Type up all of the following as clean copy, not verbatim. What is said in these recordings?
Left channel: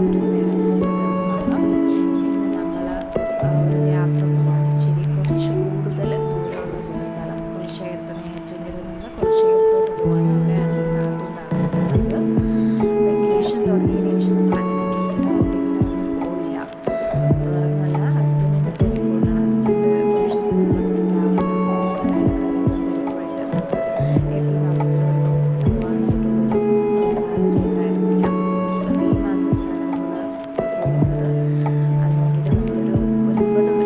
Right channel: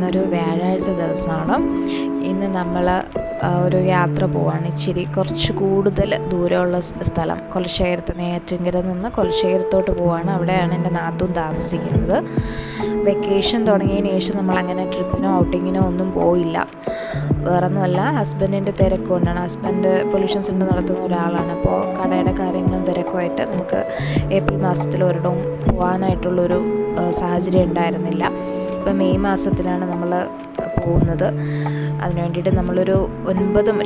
ഇന്നൊരു വ്യാഴാഴ്ച ദിവസമാണ്. ഇന്ന് നമ്മൾ ഒരു യാത്ര പോവാണ്. ഇച്ചിരി കുറച്ച് കൂടുതൽ ദൂരമുള്ള സ്ഥലം, കൊലശേഖരത്ത് നെയ്യാറ്റിൻകരയിൽ നിന്ന് കൊലശേഖരത്തോട്ട് പോവാണ്. അവിടെയാണ് എൻ്റെ നാത്തൂൻ താമസിക്കുന്നത്. വെക്കേഷൻ തുടങ്ങിയതിന് ശേഷം നമ്മളങ്ങനെ ട്രിപ്പിനോ ഔട്ടിങ്ങിനോ ഒന്നും പോയില്ല. വേറൊന്നുമല്ല, ഹസ്ബൻഡിൻ്റെ തിരക്ക് കൊണ്ടാണ്. ഹസ്ബൻഡ് പൊല്യൂഷൻ സെൻ്റർ നടത്തുന്ന ഒരാളാണ്. അപ്പോൾ കടയുടെ കാര്യങ്ങളും തിരക്കുമായിട്ട് നമുക്ക് ഏപ്രിൽ മാസത്തിൽ ഒരിടവും പോകാനായിട്ടുള്ളൊരു സാഹചര്യം ഉണ്ടായിരുന്നില്ല. ഇപ്പോൾ മെയ് മാസത്തിലാണ് നമ്മൾ പോകുന്നത്. അതിന് വേണ്ടിയിട്ട് നമ്മളൊരു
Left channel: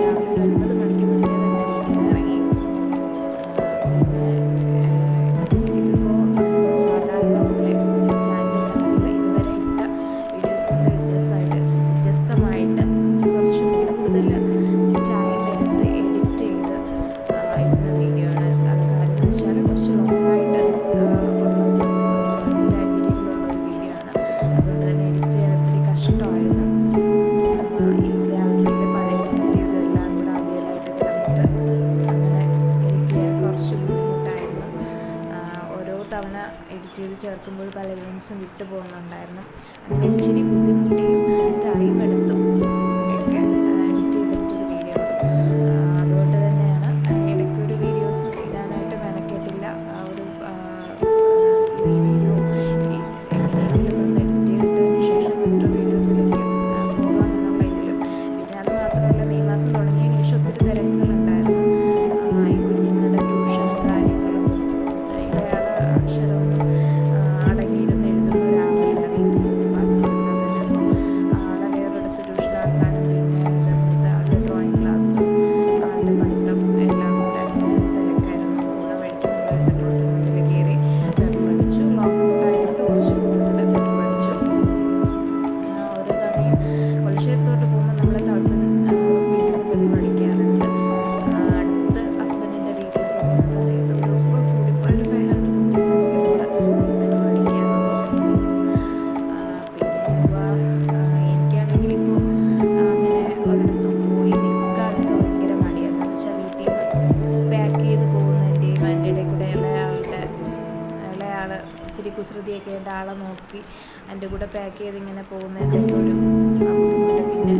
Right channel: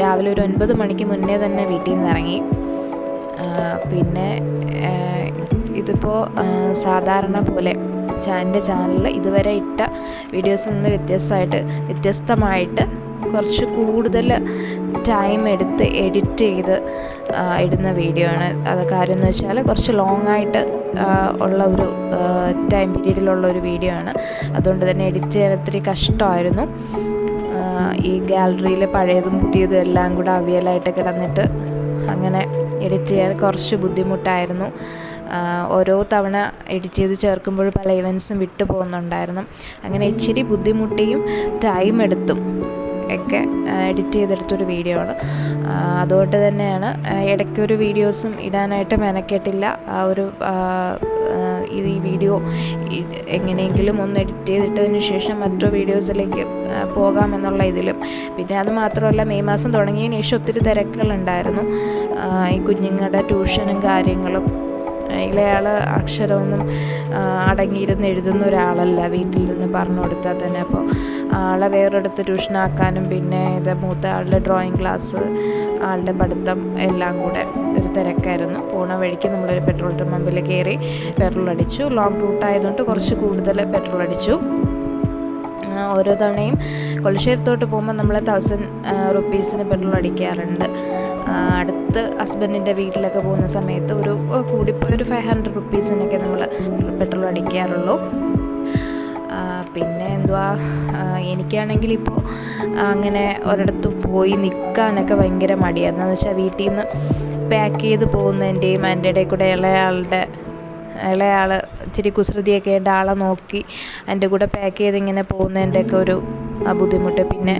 രാവിലെ ഒരു 9 മണിക്ക് മുന്നേ തന്നെ വീട്ടിൽ നിന്ന് ഇറങ്ങി. പിന്നെ ഇതിപ്പോൾ സാധാരണ പോലെ എൻ്റെ ചാനലിൽ ഇതുവരെ ഇട്ട വീഡിയോസിൽ നിന്ന് വ്യത്യസ്തമായിട്ട് കുറച്ച് കൂടുതൽ ടൈം എടുത്ത് എഡിറ്റ് ചെയ്ത് ഇടുന്ന വീഡിയോ ആണ്. അത് കാര്യം എന്ന് വെച്ചാൽ കുറച്ച് ലോങ് ആയിട്ട് ഉള്ള ഒരു ടൈം പീരീഡിലുള്ള ഒരു വീഡിയോ ആണ്. അതുകൊണ്ട് തന്നെ എഡിറ്റ് ചെയ്യാൻ ഒത്തിരി കഷ്ടമായിരുന്നു. ഈ ഗാലറിയിൽ പഴയതും പുതിയതും എല്ലാം കൂടെ അവിയലായിട്ട് കിടന്നിട്ട് അങ്ങനെ എഡിറ്റ് ചെയ്യാൻ കുറച്ച് ബുദ്ധിമുട്ടായിരുന്നു. ഓരോ തവണ എഡിറ്റ് ചെയ്ത് ചേർക്കുമ്പോൾ പല ഇവൻസും വിട്ടു പോകുന്നുണ്ടായിരുന്നു. അങ്ങനെ ഇച്ചിരി ബുദ്ധിമുട്ടിയും ടൈം എടുത്തും ഒക്കെ എഡിറ്റ് ചെയ്തെടുത്തൊരു വീഡിയോ ആണ്. അതുകൊണ്ട് തന്നെയാണ് ഇടയ്ക്കൊരു വീഡിയോസും ഇടാനായിട്ട് മെനക്കെട്ടില്ല. ഈ വീഡിയോ എങ്ങനെയെങ്കിലും ഒന്ന് എഡിറ്റ് ചെയ്തിട്ടതിന് ശേഷം മറ്റു വീഡിയോസിലേക്ക് പോകാമെന്നുള്ള ഇതിലും. പിന്നെ അത് മാത്രമല്ല, മെയ് മാസം തുടങ്ങിയതിന് ശേഷം ഒത്തിരി തിരക്കുകളുണ്ടായിരുന്നു. ഈ കുഞ്ഞുങ്ങളുടെ ട്യൂഷനും കാര്യങ്ങളും. ഇളയാൾ അക്ഷരമൊന്നും അടങ്ങിയിരുന്ന് എഴുതുന്ന ഒരാളല്ല, വീട്ടിൽ നിന്ന് പറഞ്ഞു കൊടുത്താൽ തന്നെ. അപ്പോൾ ആളെ വേറൊരിടത്ത് ട്യൂഷനാക്കാനും പിന്നെ മൂത്ത ആളുടെ ഡ്രോയിങ് ക്ലാസ്, ആളുടെ പഠിത്തം എല്ലാം കൂടെ ഒരു തിരക്കായിരുന്നു. പോണ വഴിക്ക് നമ്മളൊരു പെട്രോൾ പമ്പിൽ കയറി പെട്രോൾ അടിച്ചു. ലോങ് റൂട്ടായതുകൊണ്ട് കുറച്ച് കൂടുതൽ പെട്രോൾ അടിച്ചു. ഓരോ തവണയും കൊലശേഖരത്തോട്ട് പോകുമ്പോൾ നമ്മൾ 1000 റുപ്പീസിന് പെട്രോൾ അടിക്കാറുണ്ട്. അടുത്ത് ഹസ്ബൻഡിൻ്റെ വീട്ടിലൊക്കെ പോകുന്ന സമയത്ത് കൂടിപ്പോയി ഒരു 500 റുപ്പീസിനൊക്കെ നമ്മൾ പെട്രോൾ അടിക്കാറുള്ളൂ. പിന്നെ എനിക്കാണെങ്കിൽ ഇപ്പോൾ അങ്ങനെ ഒരിടത്തും പോയി നിൽക്കാനൊക്കെ ഭയങ്കര മടിയാണ്. എന്താണെന്ന് വെച്ചാൽ വീട്ടിൽ നിന്ന് പാക്ക് ചെയ്ത് പോകുന്നതിൻ്റെയും അതിൻ്റെ ഇടയിൽ കൂടെ ഇളയാൾ ഇച്ചിരി കുസൃതിയൊക്കെ ആയിട്ട് ആളെ നോക്കി എൻ്റെ കൂടെ പാക്ക് ചെയ്ത് ഇങ്ങനെ പോകുന്നതിൻ്റെയൊക്കെ ഒരു ബുദ്ധിമുട്ട്. പിന്നെ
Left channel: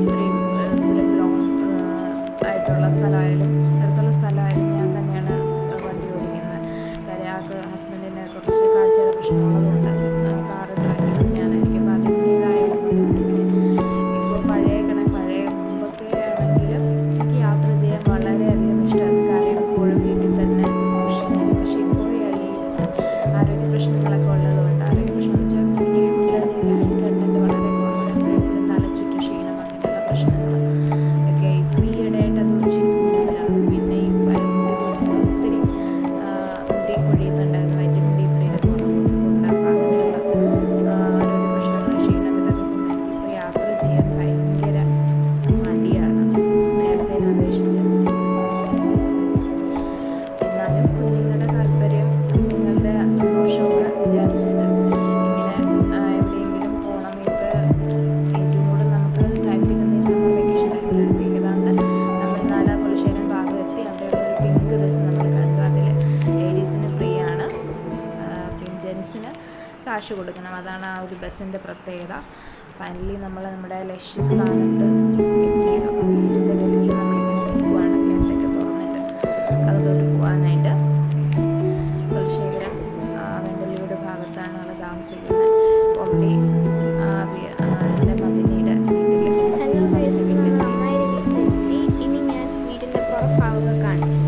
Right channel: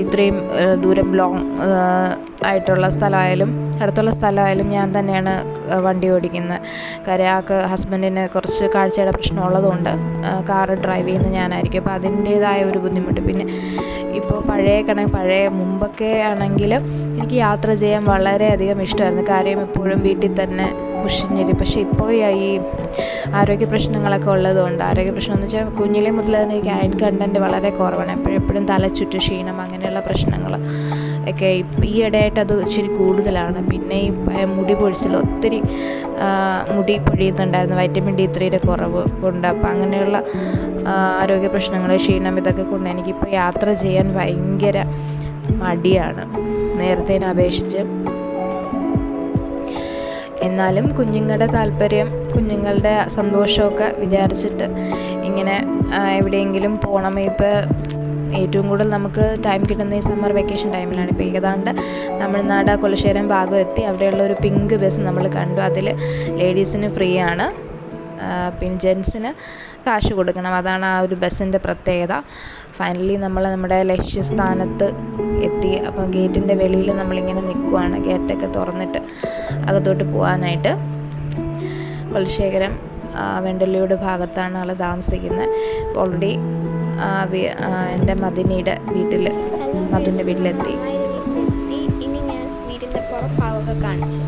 ഇത്രയും ദൂരം ലോങ് ആയിട്ടുള്ള സ്ഥലമായാലും അടുത്തുള്ള സ്ഥലമായാലും ഞാൻ തന്നെയാണ് വണ്ടി ഓടിക്കുന്നത്. കാര്യം ഹസ്ബൻഡിന് കുറച്ച് കാഴ്ചയുടെ പ്രശ്നമുള്ളതുകൊണ്ട് കാറ് ഡ്രൈവ് ചെയ്യുന്നത് ഞാനായിരിക്കും. അപ്പോൾ അതിൻ്റേതായ ഒരു ബുദ്ധിമുട്ട്. പിന്നെ ഇപ്പോൾ പഴയ മുമ്പൊക്കെ ആണെങ്കിൽ എനിക്ക് യാത്ര ചെയ്യാൻ വളരെയധികം ഇഷ്ടമായിരുന്നു. കാര്യം എപ്പോഴും വീട്ടിൽ തന്നെ മുഷിഞ്ഞില്ല. പക്ഷേ ഇപ്പോൾ ഈ ആരോഗ്യ പ്രശ്നങ്ങളൊക്കെ ഉള്ളതുകൊണ്ട്, ആരോഗ്യ പ്രശ്നം എന്ന് വെച്ചാൽ കുഞ്ഞിലെ മുതൽ തന്നെ എനിക്ക് അയൺ കണ്ടൻറ്റ് വളരെ കുറവാണ്. എപ്പോഴും തലച്ചുറ്റ്, ക്ഷീണം, അങ്ങനെയുള്ള പ്രശ്നങ്ങൾ ഒക്കെ ഈ ഇടയായിട്ട് അത് ഇച്ചിരി കൂടുതലാണ്. പിന്നെ ഈ മുടി പൊഴിച്ചിൽ ഒത്തിരി മുടി പൊഴിയുന്നുണ്ടായിരുന്നു, വൈറ്റമിൻ D3 കുറവ് കൊണ്ട്. അപ്പം അങ്ങനെയുള്ള ആരോഗ്യ പ്രശ്നങ്ങൾ, ക്ഷീണം, ഇതൊക്കെ കൊണ്ട് എനിക്കിപ്പോൾ യാത്ര ചെയ്യാൻ ഭയങ്കര മടിയാണ് നേരത്തേനെ അപേക്ഷിച്ച്. എന്നാലും കുഞ്ഞുങ്ങളുടെ താല്പര്യം, കുഞ്ഞുങ്ങളുടെ സന്തോഷമൊക്കെ വിചാരിച്ചിട്ട് ഇങ്ങനെ എവിടെയെങ്കിലും പോകണം. ഇപ്പോൾ ഏറ്റവും കൂടുതൽ നമുക്ക് ടൈം കിട്ടുന്ന ഈ സമ്മർ വെക്കേഷൻ ടൈമിലാണ്. ഇപ്പോൾ ഏതാണ്ട് തമിഴ്നാട് കൊലശേഖരം ഭാഗം എത്തി. അവിടെയുള്ള ഒരു പിങ്ക് ബസ് നമ്മൾ കണ്ടു. അതിൽ ലേഡീസിന് ഫ്രീ ആണ്, പിന്നെ ജെൻസിന് കാശ് കൊടുക്കണം. അതാണ് ആ ഒരു ബസ്സിൻ്റെ പ്രത്യേകത. ഫൈനലി നമ്മൾ നമ്മുടെ ലക്ഷ്യസ്ഥാനത്ത് എത്തി. അപ്പോൾ ഗേറ്റിൻ്റെ വെളിയിൽ നമ്മളിങ്ങനെ നിൽക്കുവാണ്, ഗേറ്റൊക്കെ തുറന്നിട്ട് അകത്തോട്ട് പോകാനായിട്ട്. കൊലശേഖരം വെണ്ടല്ലിയുടെ ഭാഗത്താണ് ആൾ താമസിക്കുന്നത്. ഓൾറെഡി എൻ്റെ മദിനിയുടെ വീട്ടിലെത്തി. ഇനി ഞാൻ വീടിൻ്റെ പുറഭാഗമൊക്കെ കാണിച്ചു.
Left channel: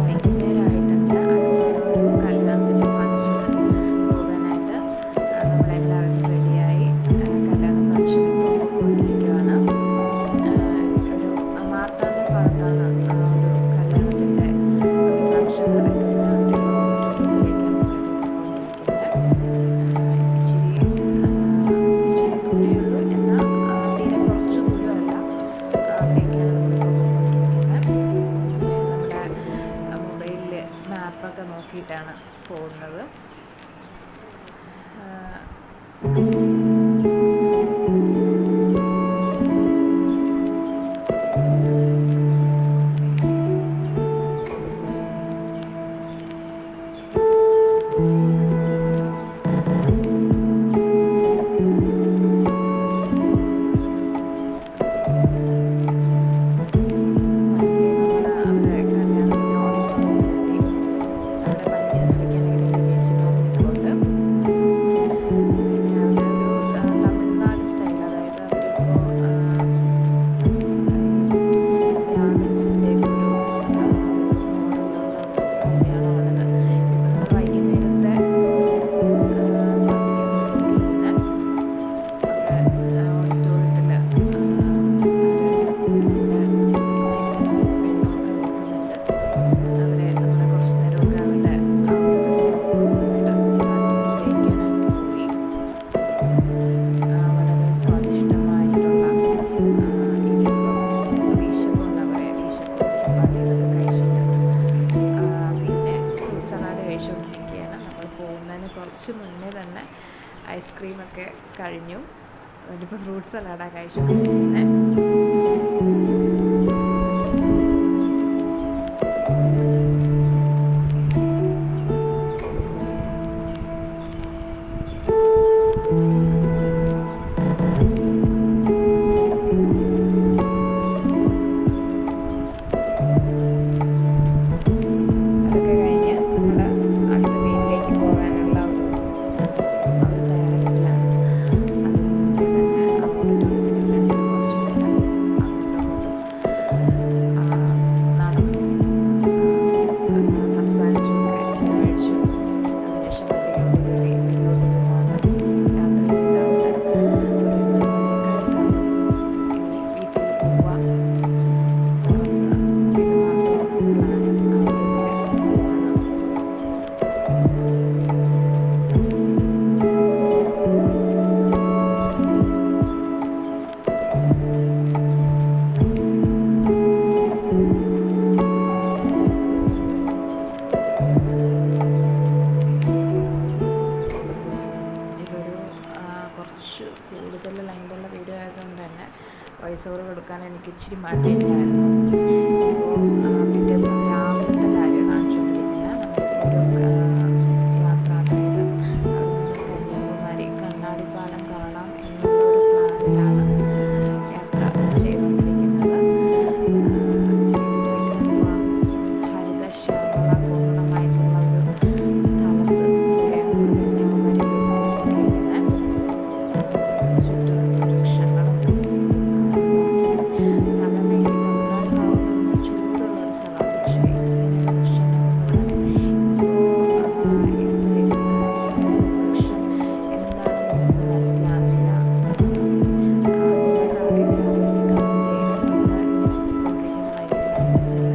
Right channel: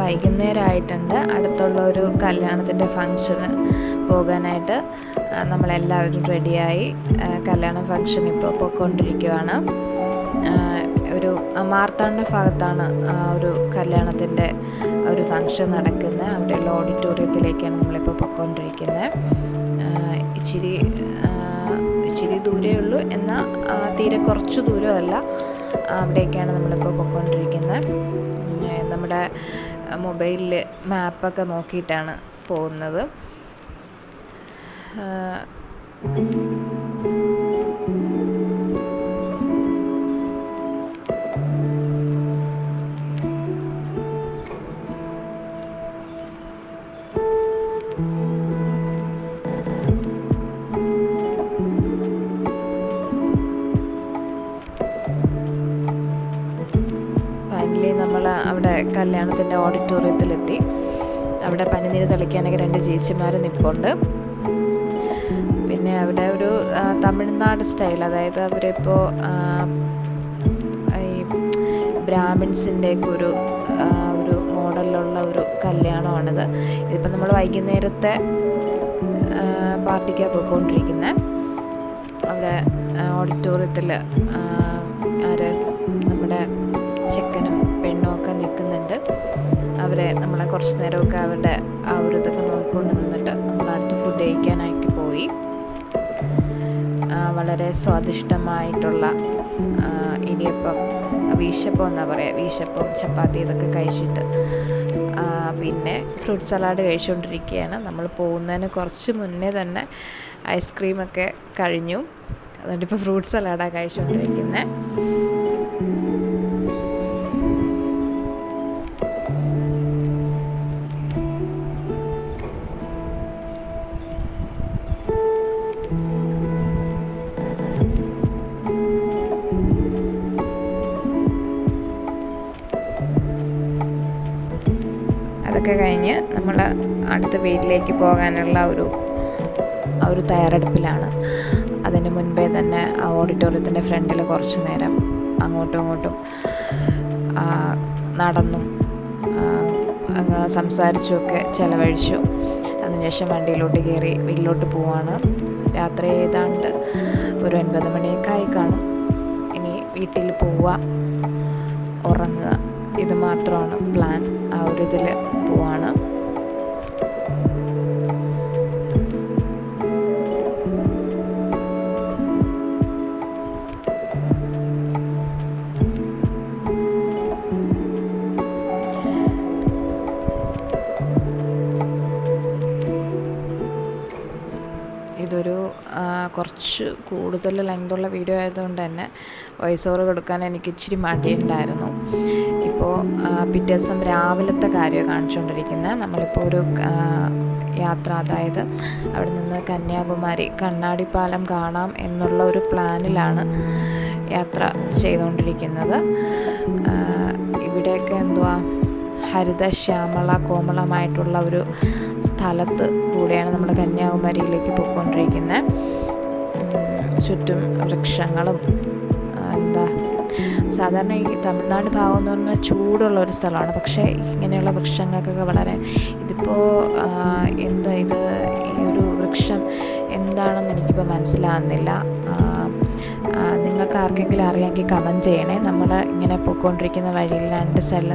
വൈകുന്നേരമായിട്ടുണ്ട്. അടുത്തുള്ള ഒരു കല്യാണത്തിൻ്റെ ഫങ്ഷന് പോകാനായിട്ട് നമ്മളെല്ലാവരും റെഡിയായി. കല്യാണ ഫങ്ഷൻ ഇപ്പോൾ പോയിക്കൊണ്ടിരിക്കുകയാണ്. ഒരു മാർത്താണ്ഡ ഭാഗത്താണ് ഒരു കല്യാണത്തിൻ്റെ ഒരു ഫങ്ഷൻ നടക്കുന്നത്. അവിടെയുള്ള ഓഡിറ്റോറിയത്തിലേക്കാണ് നമ്മളിപ്പോൾ പോയിക്കൊണ്ടിരിക്കുന്നത്. ഇച്ചിരി ദൂരമേ ഉള്ളൂ, എന്നാൽ തീരെ കുറച്ച് ദൂരമല്ല. അവിടേക്കാണ് നമ്മളിപ്പോൾ പോയിക്കൊണ്ടിരിക്കുന്നത്. നമ്മുടെ മൊബൈലിൽ മാപ്പൊക്കെ നോക്കിയിട്ടാണ് പോകുന്നത്. കല്യാണത്തിൻ്റെ ഓഡിറ്റോറിയത്തിലെത്തി. അവിടെ പനിനീര് തളിക്കാനൊക്കെ 2 ചേച്ചിമാർ നിൽപ്പുണ്ട്. പിന്നെ അവിടെ ഒരു തമിഴ്നാട് സ്റ്റൈൽ, അതായത് അവരിപ്പോൾ ഈ ബ്രാഹ്മിൻസിൻ്റെയൊക്കെ ഒരു മോഡലിലുള്ള ഒരു കല്യാണമാണിത്. ഇതിപ്പോൾ നമ്മൾ വൈകുന്നേരത്തെ പാർട്ടിക്കാണ് പോയിക്കൊണ്ടിരിക്കുന്നത്. അവിടെ ഓഡിറ്റോറിയത്തിൽ നമ്മുടെ ചെക്കനും പെണ്ണും ഒക്കെ നിൽക്കുന്നുണ്ട്. അവരെ നമ്മളെ കുറച്ച് നേരമൊക്കെ അവരുടെ ആ ഒരു ഇതൊക്കെ നോക്കിക്കൊണ്ട് നിന്നിട്ട് അടുത്ത് ഫുഡ് കഴിക്കാനായിട്ട് പോയി. വളരെ സ്വാദിഷ്ടമായിട്ടുള്ള ഇടിയപ്പം, വീശപ്പം എന്നാ പറയുക, വീശപ്പം ചപ്പാത്തി ഇതൊക്കെ കഴിച്ചിട്ട് പിന്നെ ഫ്രൂട്ട് സലാഡ് കഴിച്ചുകൊണ്ടിരിക്കുകയാണ്. നമ്മൾ പോകുന്നതിന് കുറച്ച് മുന്നേ തന്നെ ഐസ്ക്രീമൊക്കെ കഴിഞ്ഞു. അതുകൊണ്ട് ഇപ്പോൾ ഫ്രൂട്ട് സലാഡാണ് കഴിച്ചുകൊണ്ടിരിക്കുന്നത്. അതൊക്കെ കഴിഞ്ഞ് നമ്മൾ അടുത്ത വീട്ടിലേക്ക് പോകാനുള്ള ഒരു തയ്യാറെടുപ്പിലാണ്. അതിന് മുൻപേ തന്നെ ആ ഓഡിറ്റോറിയത്തിൻ്റെ ഫ്രണ്ടിൽ കുറച്ച് നേരം അങ്ങോട്ടും ഇങ്ങോട്ടും നടന്നും സംസാരിച്ചുമൊക്കെ ചിലവഴിച്ചു. അതിനുശേഷം വണ്ടിയിലോട്ട് കയറി വീട്ടിലോട്ട് പോവാണ്. രാത്രി ഏതാണ്ട് ഒരു 9 മണിയൊക്കെ ആയി കാണും. ഇനി വീട്ടിൽ പോവുക, ഉറങ്ങുക, ഇത് മാത്രമാണ് പ്ലാൻ. ആ ഒരു ഇതിൽ പോവാണ്. ഇതൊരു കുറച്ച് കൂടുതൽ ലെങ്തുള്ള വീഡിയോ ആയതുകൊണ്ട് തന്നെ വോയിസ് ഓവർ കൊടുക്കാൻ എനിക്ക് ഇച്ചിരി മടിയുണ്ടായിരുന്നു. ഇപ്പോൾ പിറ്റേ ദിവസം രാവിലത്തെ കാര്യമാണ് കാണിച്ചുകൊണ്ടിരിക്കുന്നത്. നമ്മളിപ്പോൾ ഒരു യാത്ര, അതായത് അവിടെ നിന്ന് കന്യാകുമാരി കണ്ണാടിപ്പാലം കാണാം എന്നുള്ള ഒരു പ്ലാനിലാണ് യാത്ര ചെയ്തുകൊണ്ടിരിക്കുന്നത്. ഇവിടെയൊക്കെ എന്തുവാ ഹരിതശ്യാമള കോമളമായിട്ടുള്ള ഒരു സ്ഥലത്ത് കൂടെയാണ് നമ്മൾ കന്യാകുമാരിയിലേക്ക് പോയിക്കൊണ്ടിരിക്കുന്നത്. ചുറ്റും വൃക്ഷങ്ങളും സാധാരണ ഈ തമിഴ്നാട് ഭാഗം എന്ന് പറഞ്ഞാൽ ചൂടുള്ള ഒരു സ്ഥലമാണ്. പക്ഷേ ഇങ്ങനെയുള്ള വൃക്ഷങ്ങൾക്കൊക്കെ വളരെ ഇതിപ്പോൾ എന്താ ഇത് ഈ ഒരു വൃക്ഷം എന്താണെന്ന് എനിക്കിപ്പോൾ മനസ്സിലാകുന്നില്ല. നിങ്ങൾക്ക് ആർക്കെങ്കിലും അറിയാമെങ്കിൽ കമൻറ്റ് ചെയ്യണേ. നമ്മൾ ഇങ്ങനെ പോയിക്കൊണ്ടിരിക്കുന്ന വഴിയിൽ 2 സൈഡിൽ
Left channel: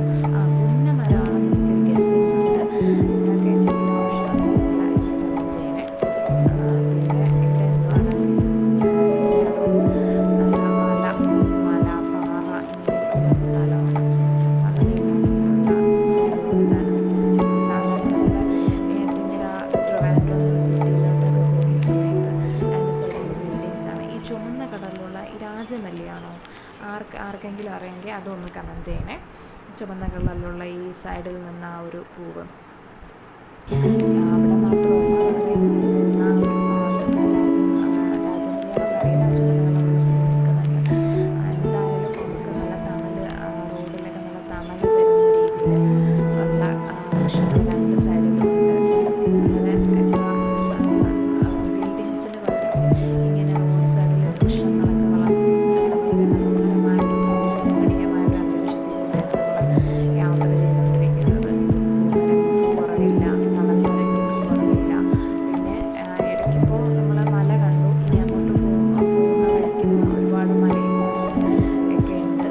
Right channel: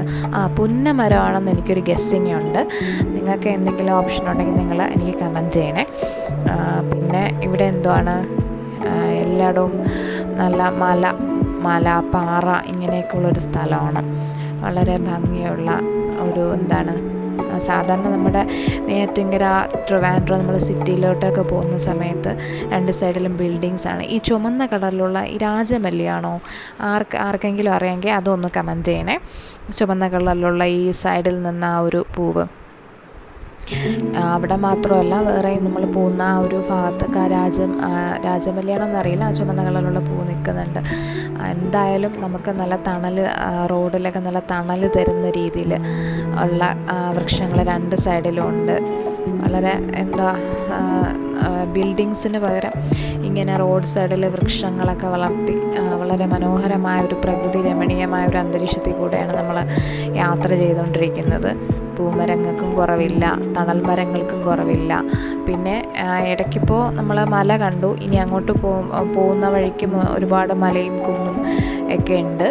പുന്നമരമാണെന്ന് എനിക്കൊരു ഗസ്സിങ് ഉണ്ട്. നിങ്ങൾക്ക് എന്തെങ്കിലും ഓപ്ഷൻ ഉണ്ടെങ്കിൽ നിങ്ങൾ എനിക്ക് കമൻറ്റ് ചെയ്യണേ. പിന്നെ ഇവിടെ എന്തുവാണ് എല്ലായിടവും നല്ല മല പാറ ഇങ്ങനെയൊക്കെയുള്ളൊരു സ്ഥലമാണ്. വളരെ ഭംഗിയുള്ള ഒരു സാധാരണ നമ്മുടെ നെയ്യാറ്റിൻകര ട്രിവാൻഡ്രം നമ്മൾ സിറ്റിയിലോട്ടൊക്കെ പോകുന്ന സമയത്ത് രണ്ട് സൈഡിലും ബിൽഡിങ്സാണ്. ഈ ചുമന്ന കളറിലുള്ള ഈ രാജമല്ലിയാണോ? ആർക്കെങ്കിലും അറിയാമെങ്കിൽ അതൊന്ന് കമൻറ്റ് ചെയ്യണേ. ചുമന്ന കളറിലുള്ള ഈ സൈഡിൽ നിന്ന് ആ ഒരു പൂവ് അവിടെ മാത്രമല്ല വേറെ നമ്മൾ പോകുന്ന ആ ഒരു ഭാഗത്തൊക്കെ രാജമല്ലിയാണെന്നറിയില്ല, ആ ചുമന്ന കളറിലുള്ള പൂ നിൽക്കുന്നുണ്ട്. എന്തായാലും നമുക്ക് നല്ല തണൽ, റോഡിലൊക്കെ നല്ല തണൽ തരുന്ന രീതിയിൽ ഉള്ള വൃക്ഷങ്ങൾ രണ്ട് സൈഡിലും ഉണ്ട്. വളരെ ബിൽഡിങ്സിന് പകരം ഇങ്ങനെ റോഡ് സൈഡിൽ വൃക്ഷങ്ങളൊക്കെ വളർത്തി വളരെ മനോഹരമായ ഒരു പ്രകൃതി രമണീയമായ ഒരു അന്തരീക്ഷത്തിൽ കൂടെയാണ് നമ്മൾ യാത്ര ചെയ്തുകൊണ്ടിരിക്കുന്നത്. പൂമരങ്ങൾക്കും കുറവില്ല, തണൽ മരങ്ങൾക്കും കുറവില്ല. പിന്നെ ഇടയ്ക്കിപ്പോൾ നമ്മൾ മല കണ്ടു. ഇനി അങ്ങോട്ട് പോകുന്ന വഴിക്ക് ഒരുപാട് മലയും കുന്നും ഒക്കെ ഉണ്ട്.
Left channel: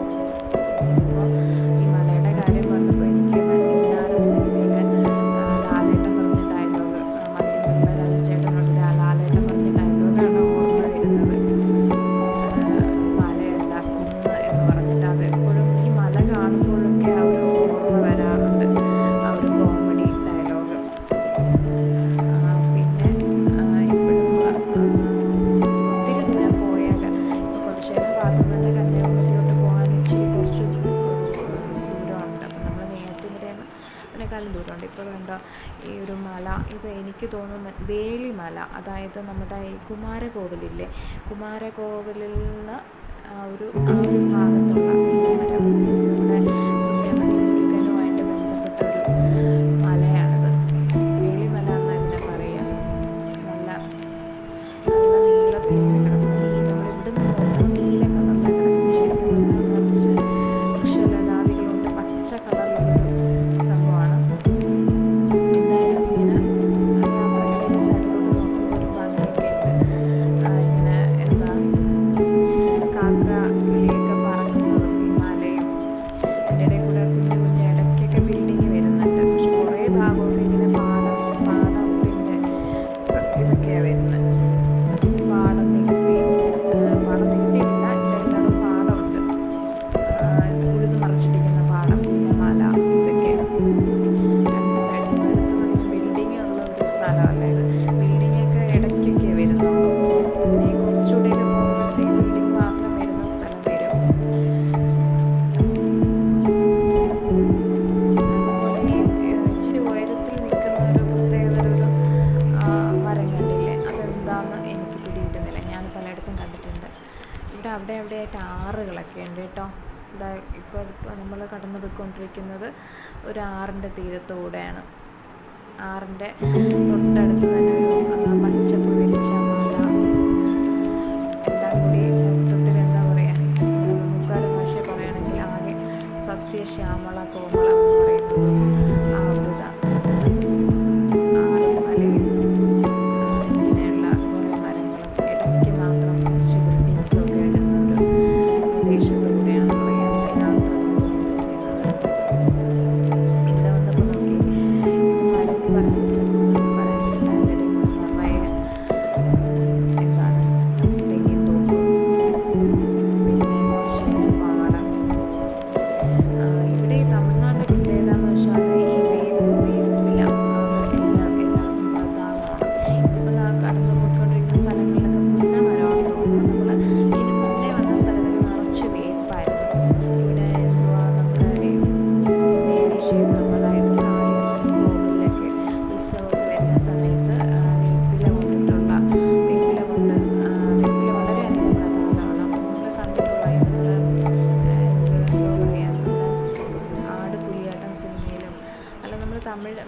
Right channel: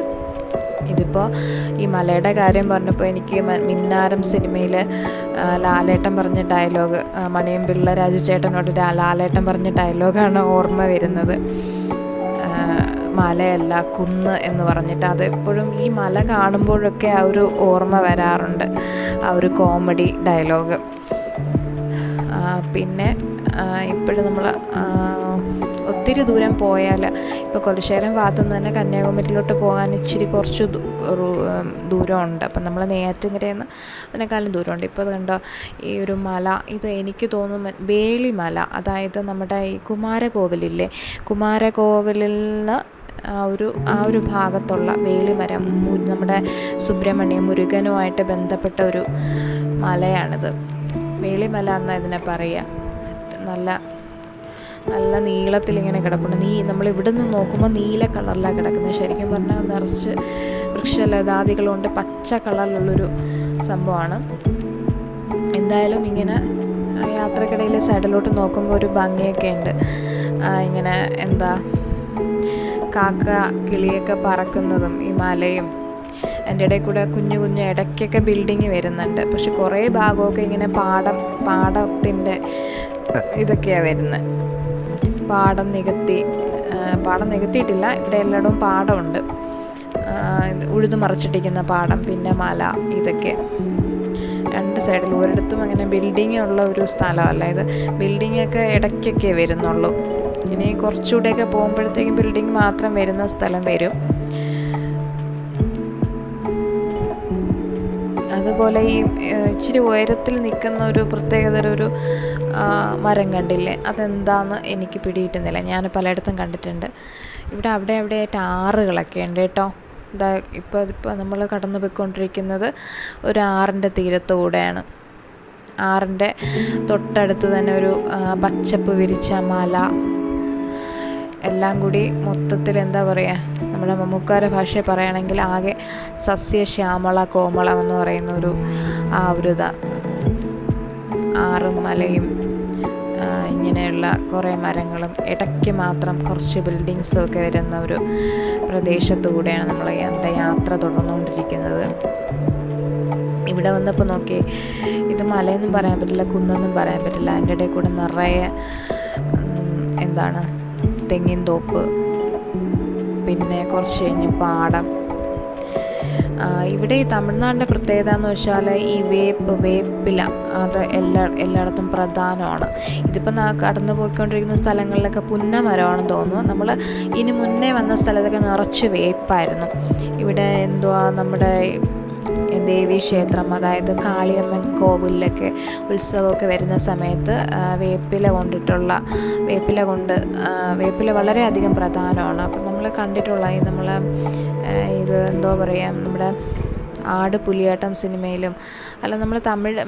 ഇതിപ്പോൾ ഈ മലയുടെ കാര്യം പറഞ്ഞപ്പോൾ എനിക്ക് മിന്നാരം സിനിമയിൽ ലാലേട്ടൻ പറഞ്ഞ ഡയലോഗ്, മണിയമ്പിള്ള രാജുചേട്ടനോട് ലാലേട്ടൻ പറഞ്ഞ ഡയലോഗാണ് ഓർമ്മ വരുന്നത്. മലയല്ല കുന്ന് എന്ന് പറഞ്ഞിട്ട്. അത് എപ്പോഴും ഈ മല കാണുമ്പോഴൊക്കെ ആ ഒരു ഓർമ്മ വരാറുണ്ട്, ആ ഒരു കോമഡി ഡയലോഗ്. പിന്നെ ഇപ്പോഴും നമ്മൾ ഒത്തിരി ദൂരം പോയാൽ ഇപ്പോൾ കൊല്ലശ്ശേരം ഭാഗത്തു നിന്ന് തന്നെ കന്യാകുമാരിയിലോട്ട് പോകാൻ ഇച്ചിരി കുറച്ച് ദൂരമുണ്ട്. അപ്പം നമ്മൾ നെയ്യാറ്റിൻകരയിൽ നിന്ന് അതിനേക്കാളും ദൂരമുണ്ട്. ഇപ്പോൾ കണ്ടോ ഈ ഒരു മല, ഇത് എനിക്ക് തോന്നുന്നു വേളിമല, അതായത് നമ്മുടെ ഈ കുമാരകോവിലില്ലേ, കുമാരകോവിലിൽ നിന്ന് ആ ഒരു ഭാഗത്തുള്ള വേളിമരം, നമ്മുടെ സുബ്രഹ്മണ്യ മുരുകനുമായിട്ട് ബന്ധപ്പെട്ട ഒരു മലയാണിത്. വേളിമല എന്നാണ് ഇതിനെ പറയുക. നല്ല നീളത്തിൽ ഇങ്ങനെ കിടപ്പുണ്ട്. നമ്മൾ ഇവിടെ നിന്ന് നോക്കുമ്പോൾ നീല കളറിലാണ് കിടക്കുന്നത്. ശരിക്കും പറഞ്ഞാൽ നിറച്ച് വൃക്ഷലതാദികളുണ്ട്, പച്ച കളറിലുള്ളൊരു സംഭവമാണ്. എന്തായാലും ഇങ്ങനെ യാത്രക്കിടയിൽ സൈഡിലോട്ട് നോക്കുമ്പോൾ ഒരു ഭംഗിയൊക്കെ ഉണ്ട്. ഇങ്ങനെ കാക്ക കിളിയൊക്കെ പറക്കുന്നതും ഈ മലയും അതിൻ്റെ ഇടയിൽ കൂടെ കുഞ്ഞു ഇടയ്ക്കൊക്കെ ബിൽഡിങ് വരുന്നുണ്ട്. പക്ഷെ കുറേ ഭാഗമൊക്കെ ഇങ്ങനെ പാടത്തിൻ്റെ ഇതൊക്കെയാണ് വരുന്നത്. പാടം നികത്തിയിട്ടില്ല, ഇവിടെ എല്ലായിടവും പാടമുണ്ട്, ഉഴുതു മറിച്ചിട്ടിരിക്കുന്ന പാടം, പിന്നെ മല, ഇതൊക്കെ രണ്ട് സൈഡിലും. ഒരിടത്തും അങ്ങനെ ബിൽഡിങ് ഉള്ള ഒരു സ്ഥലമല്ല ഇത്. ബിൽഡിങ്ങൊക്കെ ഇടയ്ക്കൊക്കെ വരുന്നുള്ളൂ. ഇനി കുറച്ചുകൂടെയൊക്കെ പോകുമ്പോഴത്തേക്കും ബിൽഡിങ് മാത്രം വരുന്ന സ്ഥലം വരും. അതുപോലെ ഈ ഇച്ചിരി ഉയരത്തിൽ നിൽക്കുന്ന ഒരു പ്രത്യേകതര ഒരു മരം കണ്ടില്ലേ, അതെന്താണെന്ന് എനിക്ക് പിടികിട്ടുന്നില്ല. ഞാൻ പലയിടത്തും കണ്ടിട്ടുണ്ട്. ഇവിടെ അവിടെയായിട്ട് ആറുകളൊക്കെ ഉണ്ട് കേട്ടോ. ഇപ്പോൾ നമ്മൾ കടന്നു പോയിക്കൊണ്ടിരിക്കുന്നത് ഒരു ആറിൻ്റെ തീരത്തുകൂടെയാണ്. ആറിൻ്റെ തൊട്ടടുത്ത് തന്നെ ഒരു പച്ചപ്പ് വിരിച്ച മല, എല്ലാം കൂടി മൊത്തത്തിൽ നമ്മുടെ മമ്മൂക്കാരുടെ ഭാഷയിൽ പറയുകയാണെങ്കിൽ ആകെ സസ്യശ്യാമള കോമളം എന്ന് പറയുന്ന ഒരു ആറും മലയും ഇങ്ങനെയുള്ള കുറേ മരങ്ങളും ഇടയ്ക്ക് മാത്രം കുറച്ച് ബിൽഡിങ്സും ഒക്കെ വരുന്ന ഒരു പ്രദേശത്തു കൂടെയാണ് നമ്മൾ നമ്മുടെ യാത്ര തുടർന്നുകൊണ്ടിരിക്കുന്നത്. ഇവിടെ വന്നപ്പോൾ നോക്കി, ഇത് മലയെന്നും പറയാൻ പറ്റില്ല, കുന്നെന്നും പറയാൻ പറ്റില്ല. അതിൻ്റെ ഇടയിൽ കൂടെ നിറയെ തെങ്ങിൻ തോപ്പ്, പിന്നെ കുറച്ച് കഴിഞ്ഞ് പാടം. ഇവിടെ ഈ തമിഴ്നാടിൻ്റെ പ്രത്യേകത എന്ന് വെച്ചാൽ ഈ വേപ്പില അത് എല്ലായിടത്തും പ്രധാനമാണ്. ഇതിപ്പോൾ കടന്നു പോയിക്കൊണ്ടിരിക്കുന്ന സ്ഥലങ്ങളിലൊക്കെ പുന്നമരമാണെന്ന് തോന്നുന്നു. നമ്മൾ ഇനി മുന്നേ വന്ന സ്ഥലത്തൊക്കെ നിറച്ച് വേപ്പായിരുന്നു. ഇവിടെ നമ്മുടെ ദേവീക്ഷേത്രം, അതായത് കാളിയമ്മൻ കോവിലൊക്കെ ഉത്സവമൊക്കെ വരുന്ന സമയത്ത് വേപ്പില വളരെയധികം പ്രധാനമാണ്. അപ്പം നമ്മൾ കണ്ടിട്ടുള്ള ഇത് നമ്മുടെ ആട് പുലിയാട്ടം സിനിമയിലും അല്ല, നമ്മൾ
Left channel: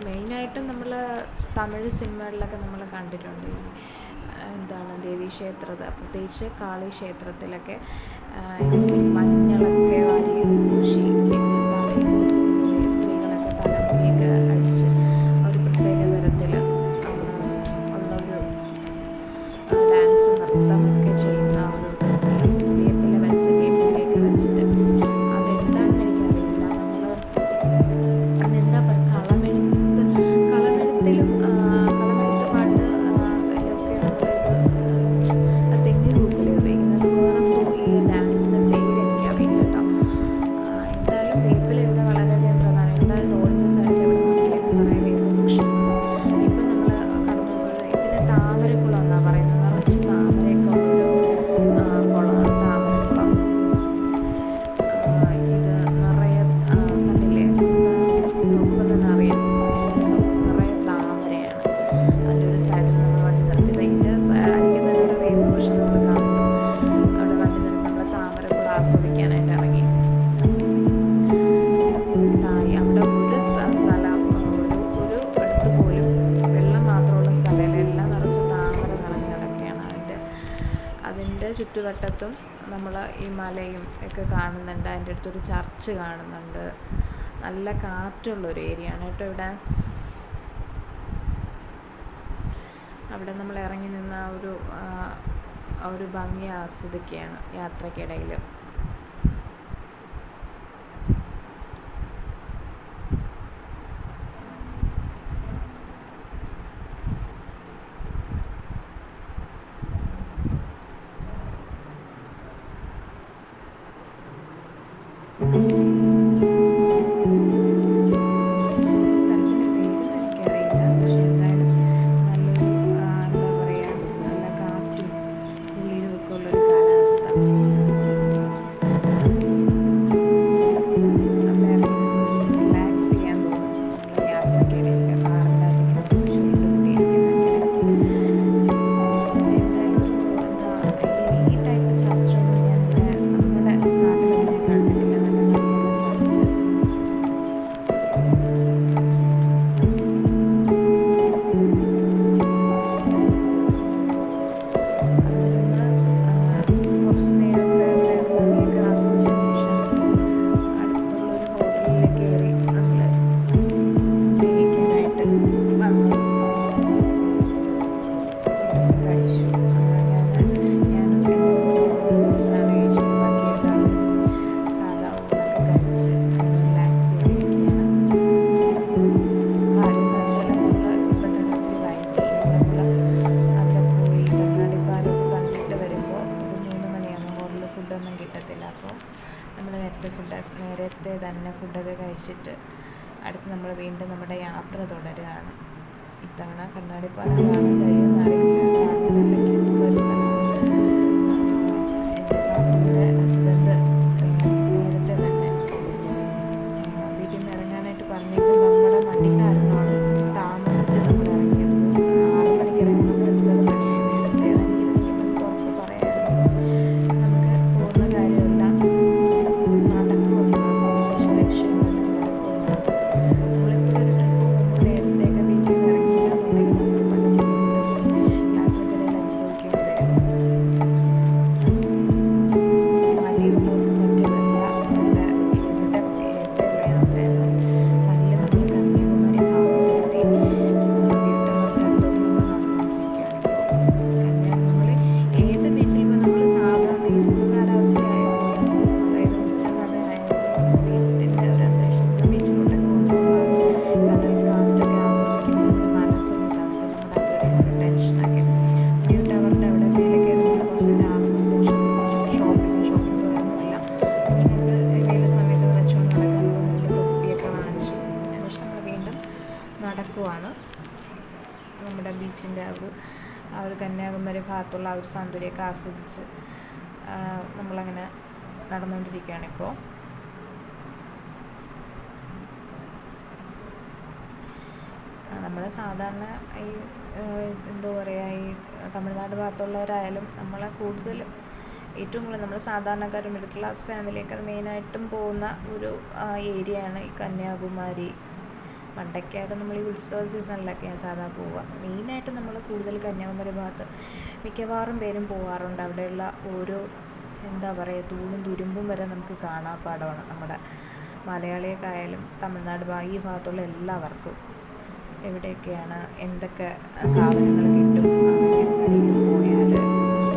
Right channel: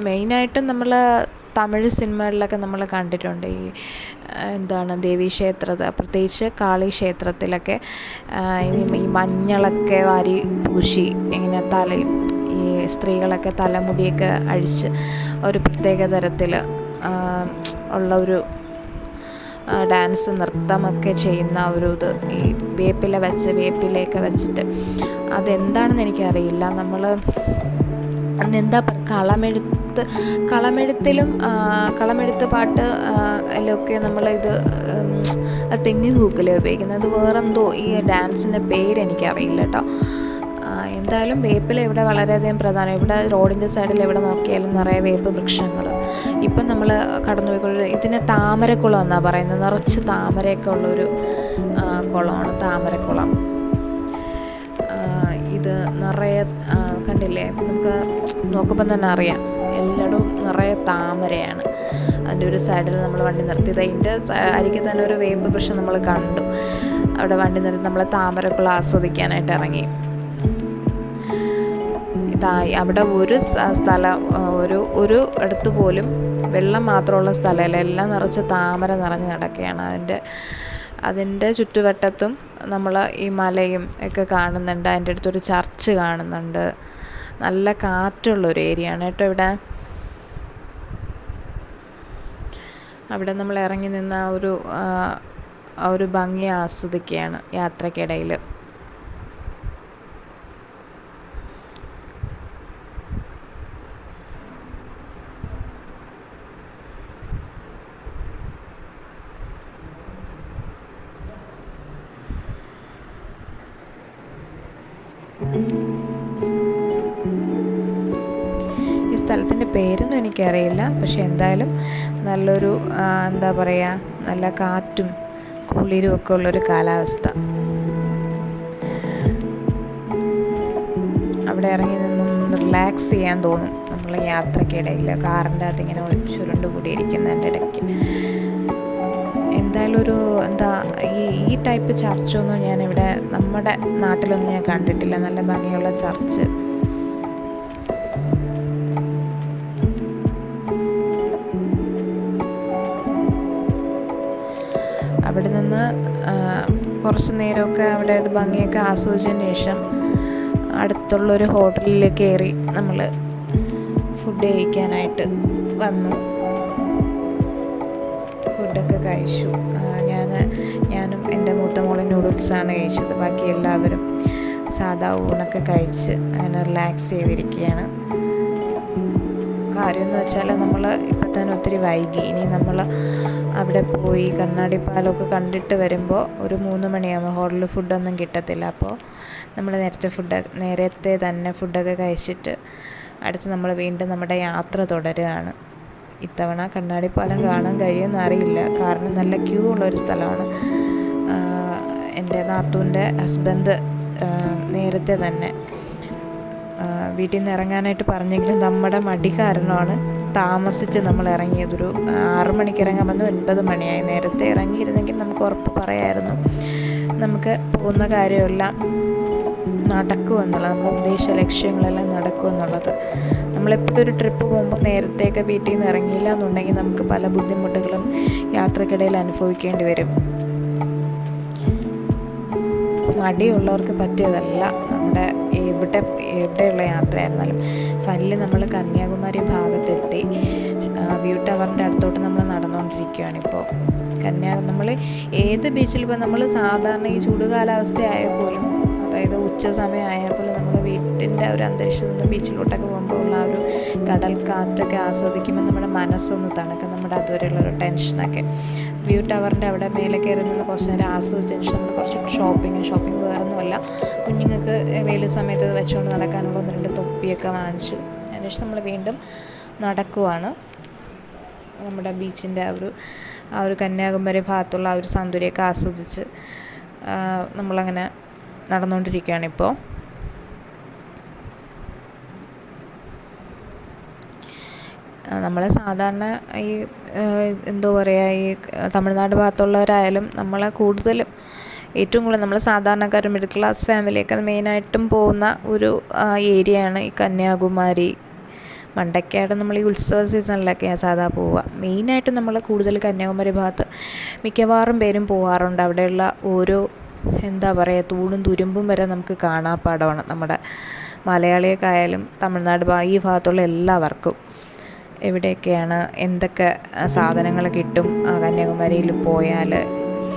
മെയിനായിട്ടും നമ്മൾ തമിഴ് സിനിമകളിലൊക്കെ നമ്മൾ കണ്ടിട്ടുണ്ട്. ഈ ദേവീക്ഷേത്രത്തിൽ, പ്രത്യേകിച്ച് കാളി ക്ഷേത്രത്തിലൊക്കെ ഈ മഞ്ഞളൊക്കെ വാരി പൂശി ഇങ്ങനെ തലയും ഈ സ്ത്രീകളൊക്കെ തലമുടിയൊക്കെ അഴിച്ച് ഒരു പ്രത്യേക തരത്തിൽ ഉള്ള ഒരു ഡാൻസ് നൃത്തമൊക്കെ ചെയ്യുന്ന ഇത് ഈ വേപ്പിലയൊക്കെ വെച്ചിട്ട് അതെന്താണെന്ന് എനിക്കറിയില്ല. നമ്മൾ അന്നെന്താ കളമെഴുത്ത് പാട്ട് അതിലൊക്കെ നമ്മളിത് തെങ്ങിൻ പൂക്കലെ ഉപയോഗിക്കുന്നത്. വേറെന്തോ ഈ ഡാൻസിൻ്റെ പേര് എനിക്കറിയില്ല കേട്ടോ. എന്തായാലും വേപ്പില ഇവിടെ വളരെയധികം പ്രധാനം. ഇവിടെ റോഡിൻ്റെ സൈഡിൽ എവിടെ നോക്കിയാലും നിറയെ വേപ്പ് വൃക്ഷങ്ങൾ. ഇപ്പം നമ്മൾ കടന്നു പോയിക്കൊള്ളുന്നത് ഇതിന് താമരക്കുളം എന്നാണ് പറയുന്നത്. നിറച്ച് താമരയൊക്കെ ഉള്ളൊരു കുളമാണ് താമരക്കുളം. ഇത് നിറയെ കണ്ടില്ലേ, നമുക്ക് നോക്കുമ്പോൾ തന്നെ അറിയാം എല്ലായിടും നിറയെ താമരയാണ്. അതിൻ്റെ ഒരു സൈഡിൽ നമ്മൾ വണ്ടി നിർത്തിയത് അതിൻ്റെ അരികിൽ തന്നെ ഒരു വേപ്പ് വൃക്ഷം നമ്മൾ കണ്ടു. അവിടെ വണ്ടി നിർത്തി നമ്മൾ താമരക്കുളം ആസ്വദിക്കാനായിട്ട് ഇറങ്ങി. അവിടെ ഒരു സ്ഥലം ഒരു അടുത്ത് പോലും വെള്ളം മാത്രമുള്ള സ്ഥലമല്ല, എല്ലാം നിറച്ച് താമര നിറഞ്ഞ് കിടക്കുകയാണ്. അതിൻ്റെ ചുറ്റുവട്ടത്തും നമ്മൾ ഈ മലയും ഒക്കെ കാണുന്നുണ്ട്. അതിൻ്റെ അടുത്തൊരു ചർച്ച് കാണുന്നുണ്ട്. നല്ല കാറ്റുള്ളൊരു ഏരിയ ആണ് കേട്ടോ ഇവിടെ. അവിടെ നമ്മൾ ഇറങ്ങി നിന്ന് ആ ഒരു ഭംഗി ആസ്വദിക്കുകയാണ് യാത്രക്കിടയിൽ. ഈ സ്ഥലത്തിൻ്റെ പേരൊന്നും എനിക്കറിയില്ല, പക്ഷെ എന്തായാലും നല്ലൊരു എന്താ പറയുക, നല്ല കാറ്റും കുളിരും ഒക്കെ ഉള്ളൊരു കാലാവസ്ഥ. അവിടെ ഇറങ്ങി നിന്ന് റിലാക്സ് ചെയ്യാൻ തോന്നും നമ്മൾ യാത്രക്കിടയിൽ. കാറിൻ്റെ അകത്ത് ഇങ്ങനെ ചുരുണ്ട് കൂടിയിരിക്കുന്നതിൻ്റെ ഇടയ്ക്ക് എന്തായാലും ഒരു ഈ ടൈപ്പ് ചർച്ചൊന്നും ഞാനിവിടെ നമ്മുടെ നാട്ടിലൊന്നും ഞാൻ കണ്ടിട്ടില്ല. നല്ല ഭംഗിയുള്ള ചർച്ച്. അവിടെ നിന്ന് കുറച്ച് നേരമൊക്കെ അവിടെ ഒരു ഭംഗിയൊക്കെ ആസ്വദിച്ചതിന് ശേഷം അടുത്തുള്ളൊരു ഹോട്ടലിൽ കയറി നമ്മൾ ഫുഡ് കഴിക്കാനായിട്ട് വന്നു. ഫുഡൊക്കെ കഴിച്ചു. ഞാനും എൻ്റെ മൂത്ത മോളും നൂഡിൽസാണ് കഴിച്ചത്. ബാക്കി എല്ലാവരും സാധാ ഊണൊക്കെ കഴിച്ച് അങ്ങനെ റിലാക്സ് ചെയ്തിരിക്കുകയാണ്. കാര്യമെന്ന് വെച്ചാൽ നമ്മൾ ഇപ്പം തന്നെ ഒത്തിരി വൈകി. ഇനി നമ്മൾ അവിടെ പോയി കണ്ണാടിപ്പാലമൊക്കെ കണ്ടിട്ട് വരുമ്പോൾ ഒരു 3 മണിയാകുമ്പോൾ ഹോട്ടലിൽ ഫുഡൊന്നും കിട്ടത്തില്ല. അപ്പോൾ നമ്മൾ നേരത്തെ തന്നെ ഫുഡൊക്കെ കഴിച്ചിട്ട് അടുത്ത് നമ്മൾ വീണ്ടും നമ്മുടെ യാത്ര തുടരുകയാണ്. ഇത്തവണ കണ്ണാടിപ്പാലം കാണാൻ കഴിയുമെന്ന് അറിയില്ല, കാരണം നല്ല ക്യൂ ഉള്ളൊരു സ്ഥലമാണ്. എൻ്റെ നാത്തൂൻ്റെ ഹസ്ബൻഡ് നേരത്തെ തന്നെ വീട്ടിൽ നിന്ന് ഇറങ്ങാനായിട്ട് പറഞ്ഞെങ്കിലും നമ്മുടെ മടി കാരണമാണ് താമസിച്ച് നമ്മൾ ഇറങ്ങിയത്. ഒരു 6 മണിക്ക് ഇറങ്ങാൻ വന്നു, 9 മണിയായി. നേരത്തെ ഇറങ്ങിയിരുന്നെങ്കിൽ നമുക്ക് ഉറപ്പ് പറയായിരുന്നു നമുക്ക് പോകുന്ന കാര്യമെല്ലാം നടക്കുമെന്നുള്ളത്, നമ്മൾ ഉദ്ദേശിച്ച ലക്ഷ്യങ്ങളെല്ലാം നടക്കുമെന്നുള്ളത്. നമ്മളെപ്പോഴും ഒരു ട്രിപ്പ് പോകുമ്പോൾ നേരത്തെയൊക്കെ വീട്ടിൽ നിന്ന് ഇറങ്ങിയില്ല എന്നുണ്ടെങ്കിൽ നമുക്ക് പല ബുദ്ധിമുട്ടുകളും യാത്രക്കിടയിൽ അനുഭവിക്കേണ്ടി വരും. മടിയുള്ളവർക്ക് പറ്റിയതല്ല നമ്മുടെ എവിടെയുള്ള യാത്രയായിരുന്നാലും. ഫൈനലി നമ്മൾ കന്യാകുമാരി ഭാഗത്തെത്തി. വ്യൂ ടവറിൻ്റെ അടുത്തോട്ട് നമ്മൾ നടന്നുകൊണ്ടിരിക്കുകയാണിപ്പോൾ. നമ്മൾ ഏത് ബീച്ചിൽ ഇപ്പോൾ നമ്മൾ സാധാരണ ഈ ചൂട് കാലാവസ്ഥ ആയപ്പോലും, അതായത് ഉച്ച സമയം ആയപ്പോലും നമ്മൾ വീട്ടിൻ്റെ ഒരു അന്തരീക്ഷത്തിൽ നിന്ന് ബീച്ചിലോട്ടൊക്കെ പോകുമ്പോൾ ഉള്ള ഒരു കടൽ കാറ്റൊക്കെ ആസ്വദിക്കുമ്പോൾ നമ്മുടെ മനസ്സൊന്ന് തണുക്കും, നമ്മുടെ അതുവരെയുള്ളൊരു ടെൻഷനൊക്കെ. വ്യൂ ടവറിൻ്റെ അവിടെ മേലെ കയറി നിന്ന് കുറച്ച് നേരം ആസ്വദിച്ചതിന് ശേഷം കുറച്ച് ഷോപ്പിംഗ് വേറൊന്നുമല്ല, കുഞ്ഞുങ്ങൾക്ക് വെയിൽ സമയത്ത് വെച്ചുകൊണ്ട് നടക്കാനുള്ള 1-2 തൊപ്പിയൊക്കെ വാങ്ങിച്ചു. അതിനുശേഷം നമ്മൾ വീണ്ടും നടക്കുവാണ്. നമ്മുടെ ബീച്ചിൻ്റെ ആ ഒരു കന്യാകുമാരി ഭാഗത്തുള്ള ആ ഒരു സൗന്ദര്യമൊക്കെ ആസ്വദിച്ച് നമ്മളങ്ങനെ നടന്നുകൊണ്ടിരിക്കുകയാണിപ്പോൾ. നമ്മൾ സാധാരണ ഈ എന്താ പറയുക, ഈ തമിഴ്നാട് ഭാഗത്തുള്ളവരായാലും നമ്മളെ ഏറ്റവും കൂടുതൽ നമ്മൾ സാധാരണക്കാർ മിഡിൽ ക്ലാസ് ഫാമിലിയൊക്കെ മെയിനായിട്ടും പോകുന്ന ഒരു ഏരിയയാണ് ഈ കന്യാകുമാരി. മണ്ടയ്ക്കാട് നമ്മൾ ഈ ഉത്സവ സീസണിലൊക്കെയാണ് സാധാ പോവുക. മെയിനായിട്ട് നമ്മൾ കൂടുതൽ കന്യാകുമാരി ഭാഗത്ത് മിക്കവാറും പേരും പോകാറുണ്ട്. അവിടെയുള്ള ഓരോ എന്താ പറയുക, തൂണും തുരുമ്പും വരെ നമുക്ക് കാണാപ്പാടമാണ്. നമ്മുടെ മലയാളികൾക്കായാലും തമിഴ്നാട് ഈ ഭാഗത്തുള്ള എല്ലാവർക്കും എവിടെയൊക്കെയാണ് എന്തൊക്കെ സാധനങ്ങൾ കിട്ടും, കന്യാകുമാരിയിൽ പോയാൽ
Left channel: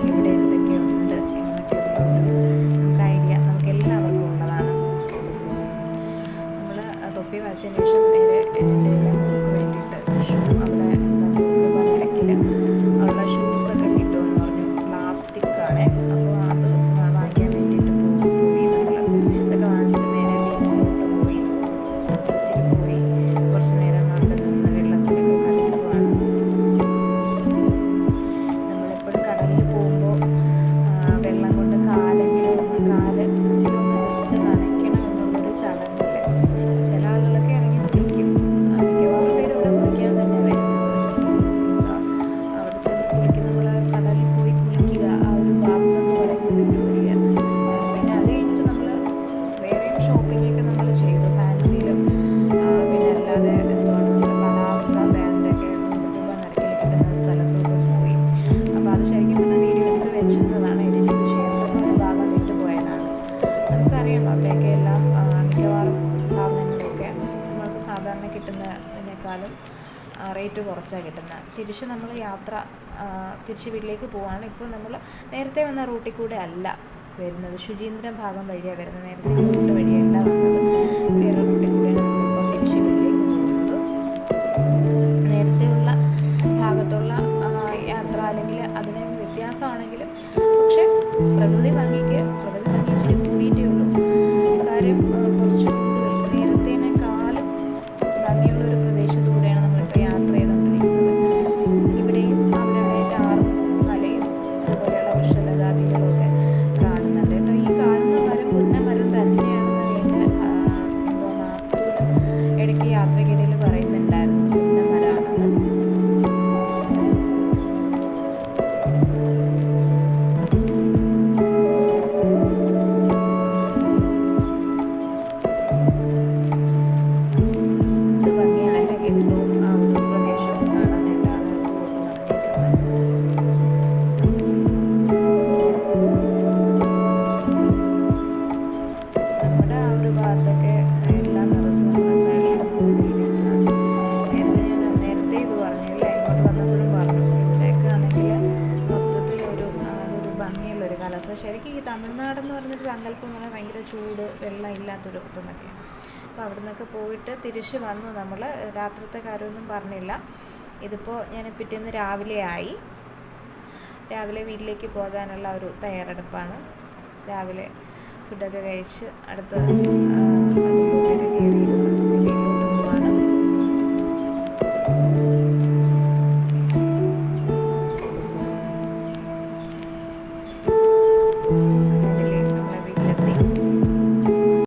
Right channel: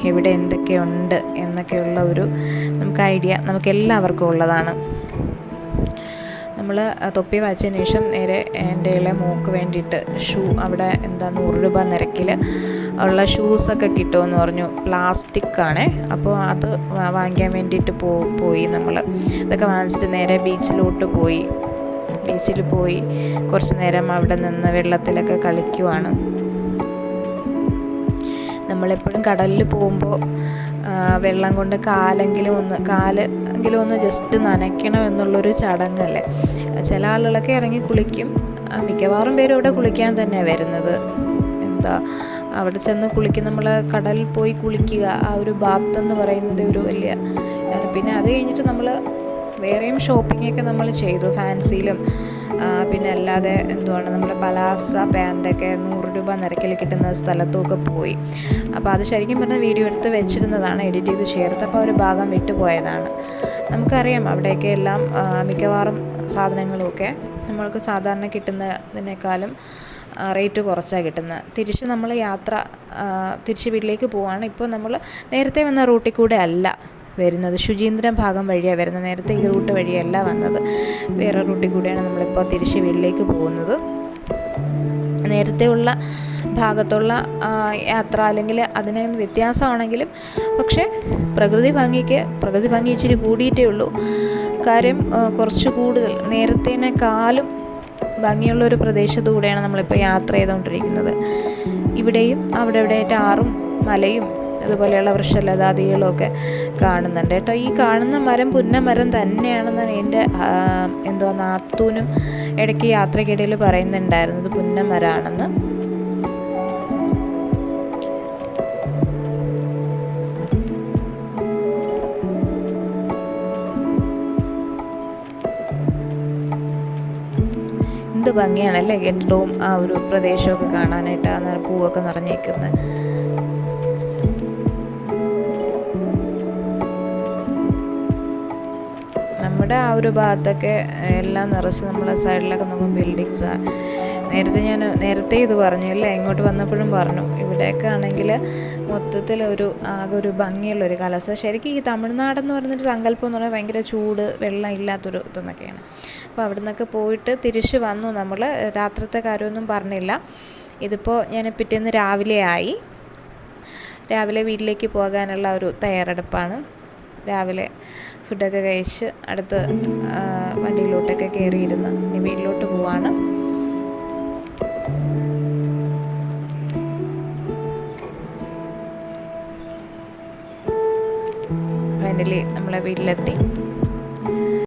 എവിടെ എന്തൊക്കെയുണ്ട് എന്നൊക്കെയുള്ള ഒരു നമുക്ക് ഐഡിയ നമുക്ക് എല്ലാവർക്കും ഉള്ളതാണ്. നമ്മൾ തൊപ്പി വായിച്ചതിന് ശേഷം നേരെ എൻ്റെ ഇളയ മോൾക്ക് വേണ്ടിയിട്ട് ഷൂ അവിടെ 100 രൂപ നിരക്കിൽ ഉള്ള ഷൂസൊക്കെ കിട്ടുമെന്ന് പറഞ്ഞു. പ്ലാസ്റ്റിക്കാണേ. അപ്പോൾ അത് വാങ്ങിക്കാൻ വേണ്ടിയിട്ട് പോയി നമ്മൾ. അതൊക്കെ വാങ്ങിച്ചിട്ട് നേരെ ബീച്ചിലോട്ട് പോയി. ബീച്ചിൽ പോയി കുറച്ച് നേരം അവിടെ നിന്ന് വെള്ളത്തിലൊക്കെ കളിക്കുവാണ്. നമ്മളെപ്പോഴും കടലിൽ പോകുമ്പോൾ വെള്ളം കൊണ്ട് കാലെങ്കിലും ഒന്ന് ജസ്റ്റ് നനയ്ക്കണം എന്നുള്ളൊരു ചടങ്ങല്ലേ. ചില ആളുകളൊക്കെ ഇറങ്ങി കുളിക്കും. മിക്കവാറും പേരും ഇവിടെ കുളിക്കാൻ തന്നെയാണ് വരുന്നത്. അവിടെ ചെന്ന് കുളിക്കും. നമ്മൾ കടലിൽ പോയി കുളിക്കുക, ആ ഒരു ബാത്ത് എന്ന് പറയുന്നത് ഒരു വലിയ ഇതാണ്. പിന്നെ അത് കഴിഞ്ഞിട്ട് നമ്മൾ വേറെയും ഷോപ്പിങ്ങൊക്കെ നമ്മൾ ചെയ്തു. ഫാൻസിയിലും പിന്നെ അല്ലാതെ നമ്മൾ പലാസ പാൻറ്റൊക്കെ 100 രൂപ നിരക്കിൽ കിട്ടുന്ന സ്ഥലത്തുമൊക്കെ പോയി. അപ്പോൾ അത് ശരിക്കും പറഞ്ഞാൽ വീഡിയോ എടുത്ത് വെച്ചിരുന്നതാണ്, എഡിറ്റ് ചെയ്ത് ചേർത്തപ്പോൾ ഒരു ഭാഗം വിട്ടുപോയതാണ്. നമുക്കറിയാം അവിടെയൊക്കെ എല്ലാം മിക്കവാറും സാധനങ്ങളുമൊക്കെ നമ്മൾക്ക് സാധാരണ കിട്ടുന്നതിനേക്കാളും റേറ്റ് കുറച്ചാണ് കിട്ടുന്നത്. തിരിച്ച് നമ്മൾ തിരിച്ച് വീട്ടിലേക്ക് പോവുകയാണ്. ഇപ്പോൾ നമ്മൾ നേരത്തെ വന്ന റൂട്ടിൽ കൂടെ അല്ല വരുന്നത്, ശുചീന്ദ്രം ഭാഗം വഴിയാണ് വരുന്നത്. നേരത്തെ ഈ റൂട്ട് വഴിയല്ല വന്നത്, വേറെ റൂട്ടിൽ കൂടെയാണ് നമ്മളിപ്പോൾ തിരിച്ച് വീട്ടിലേക്ക് പോകുന്നത്. നേരത്തെ ഉള്ള ഭാഗത്തുള്ള യാത്ര അല്ലെങ്കിൽ അതിന് വ്യത്യാസമാണെങ്കിലും പക്ഷേ പ്രകൃതി ഭംഗി ഇച്ചിരി കൂടിയിട്ടേ ഉള്ളൂ. കാര്യം കുറച്ച് കൂടുതൽ നേരത്തേനേക്കാളും ഭംഗിയുള്ളൊരു പ്രദേശത്തുകൂടെയാണ് നമ്മളിപ്പോൾ യാത്ര ചെയ്തുകൊണ്ടിരിക്കുന്നത്. ഇവിടെയും അവിടെ ഇവിടെയായിട്ട് ആറും മലയും അതുപോലെയുള്ള വൃക്ഷലതാദികളും ഒക്കെ കാണുന്നുണ്ട് കേട്ടോ. ഈ കാണുന്ന മരം പുന്നമരം തന്നെയാണെന്നാണ് എൻ്റെ നാത്തൂനും ഇടയ്ക്ക് യാത്രക്കിടയിൽ പറയുന്നുണ്ടായിരുന്നത്, പുന്നമരമാണെന്ന്. എന്ത് ഭംഗിയാണല്ലേ കെട്ടിടവും ആ ഒരു പ്രദേശമൊക്കെ കാണാനായിട്ട്, ആ പൂവൊക്കെ നിറഞ്ഞേക്കുന്നത്. നമ്മുടെ ആ ഒരു ഭാഗത്തൊക്കെ എല്ലാം നിറച്ച് നമ്മളെ സൈഡിലൊക്കെ നോക്കും ബിൽഡിങ്സാണ്. നേരത്തെ ഇത് പറഞ്ഞു അല്ലേ, ഇങ്ങോട്ട് വന്നപ്പോഴും പറഞ്ഞു. ഇവിടെയൊക്കെ ആണെങ്കിൽ മൊത്തത്തിൽ ആകെ ഒരു ഭംഗിയുള്ളൊരു കാലാവസ്ഥ. ശരിക്കും ഈ തമിഴ്നാടെന്ന് പറയുന്നൊരു സങ്കല്പം എന്ന് പറഞ്ഞാൽ ഭയങ്കര ചൂട്, വെള്ളം ഇല്ലാത്തൊരു ഇതെന്നൊക്കെയാണ്. അപ്പോൾ അവിടെ നിന്നൊക്കെ പോയിട്ട് തിരിച്ച് വന്നു നമ്മൾ. രാത്രിത്തെ കാര്യമൊന്നും പറഞ്ഞില്ല. ഇതിപ്പോൾ ഞാൻ പിറ്റേന്ന് രാവിലെ വീട്ടിലേക്ക് പോകാനുള്ള ഒരു തയ്യാറെടുപ്പാണ്. രാവിലെ ഫുഡൊക്കെ കഴിച്ച് അടുത്ത് വണ്ടിയിലോട്ടൊക്കെ കയറിയിരുന്നു.